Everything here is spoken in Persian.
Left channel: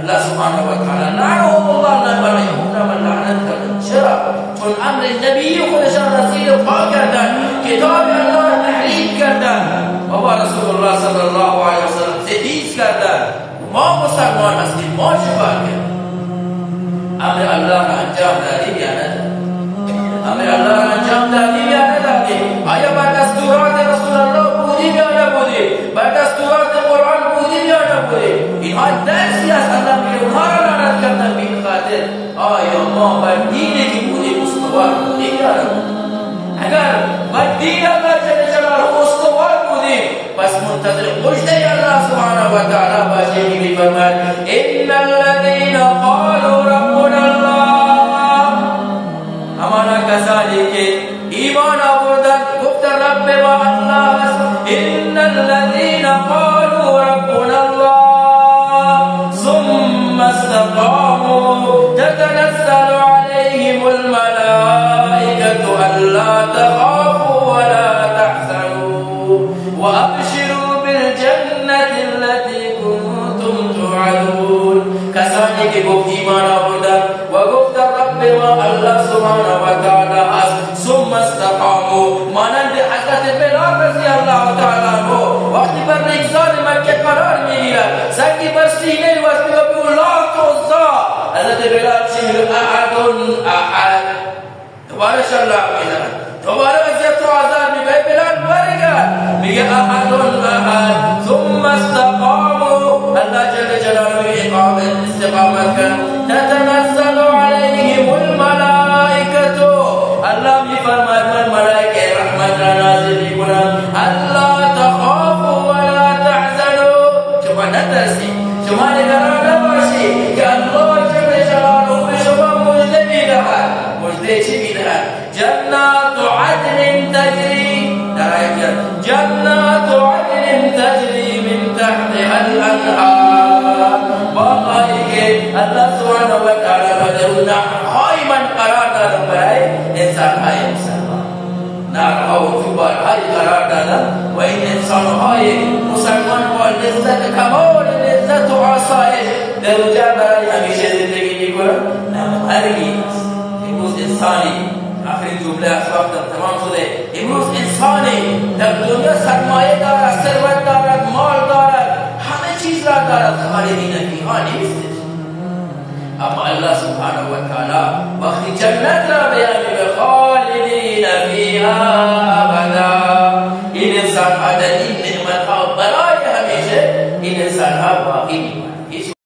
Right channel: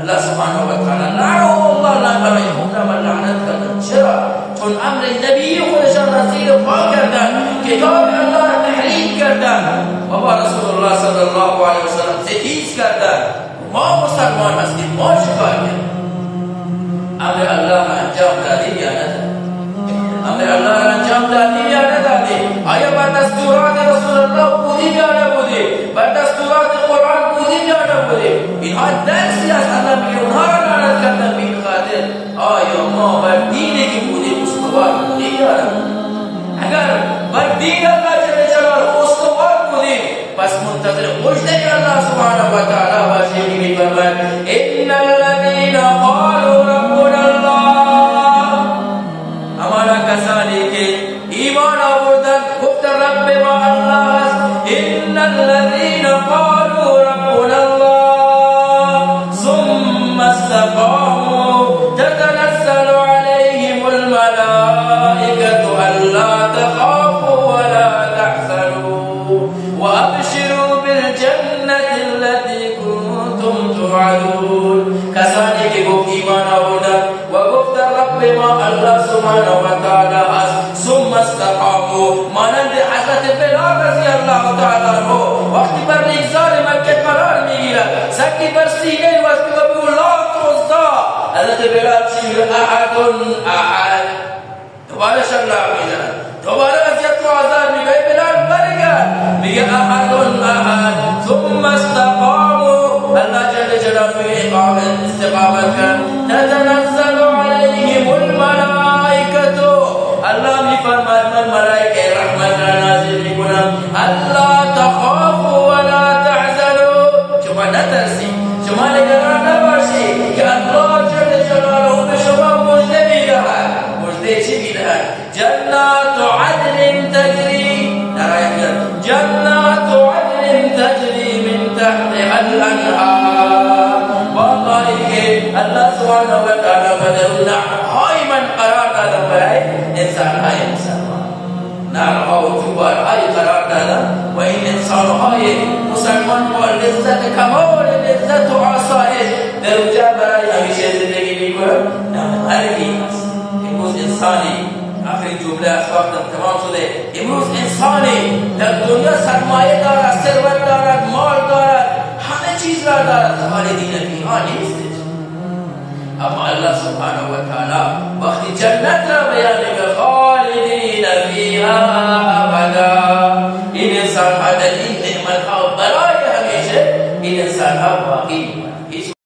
الله سبحانه و تعالی لعنهم الله، لعن برای یهود را لعنت کردن. چرا؟ چون امر نبی خودشان را زیر پا کردن، کتاب الله را تحریف کردن و با رسول الله صلی الله علیه و سلم ستیز کردن. ما مسلمان هستیم، ما چیکار کردیم؟ امر الله را انجام دادیم یا ندادیم؟ امر الله را انجام دادیم یا ندادیم؟ آیا بر دستورات رسول الله بودیم یا نبودیم؟ بر دستورات قرآن بودیم یا نبودیم؟ اینها درسی است. الله میگه اونها را لعنت کردن به این خاطر آیا ما بر دینی که بودیم استوار بودیم یا نبودیم؟ اگر بر دین الله جل جلاله استوار بودیم پس منتظر مژده الله سبحانه و تعالی باشیم که میفرماید ان الذين قالوا ربنا الله، همانا کسانی که ایمان آوردند گفتند رب ما الله است. ان الذين قالوا ربنا الله ثم استقاموا تتنزل عليهم الملائكة ألا تخافوا ولا تحزنوا وأبشروا بالجنة التي كنتم توعدون. کسانی که گفت ایمان آوردند و گفت رب ما الله سبحانه و تعالی است، ثم استقاموا، مانند حضرت بلال رضی الله تعالی عنه وقتی بر ریگزار مکه قرار میگیرد، سنگی بر سینه وزنی و به الله توزا، حضرت بلال چی احد احد دوباره شلاق میزند، دوباره اذیت و آزار میگه بلال برگرد، میگه احد احد ثم استقاموا، الله جل جلاله میگه استقامت کن، تتنزل علیهم الملائکة، الله میفرماید من ملائکه رحمت را نازل میکنم، الا تخافوا ولا تحزنوا، شما نترسید، شما نگران نباشید که الله جل جلاله به شما مژده میدهد. مژده چی میدهد؟ جنات عدن تجری، در آیه جنات عدن تجری من تحتها الانهار، باقایی که الله سبحانه و تعالی بدر نهرهای من قرار دادم برای انسانهای مسلمان، نهرها و جوارهای قرار دادم و این انسانهای مسلمان با لذت کمال لذت و آسایش در اونجا برای همیشه زندگی میکنن. عربی است امروز انسانی، آخرین جمله از وقتم تمام شده، امروز انسانی در دنیا سرمایه دارد، ثروت دارد، مال دارد، همه چیز را دارد، خالدین فیها نیست. اما الله سبحانه و تعالی وقتی جنت را بیان می‌کنه خالدین فیها ابدا، این انسان ها در این نعمت ها برای همیشه این انسان ها باقی می‌مانند.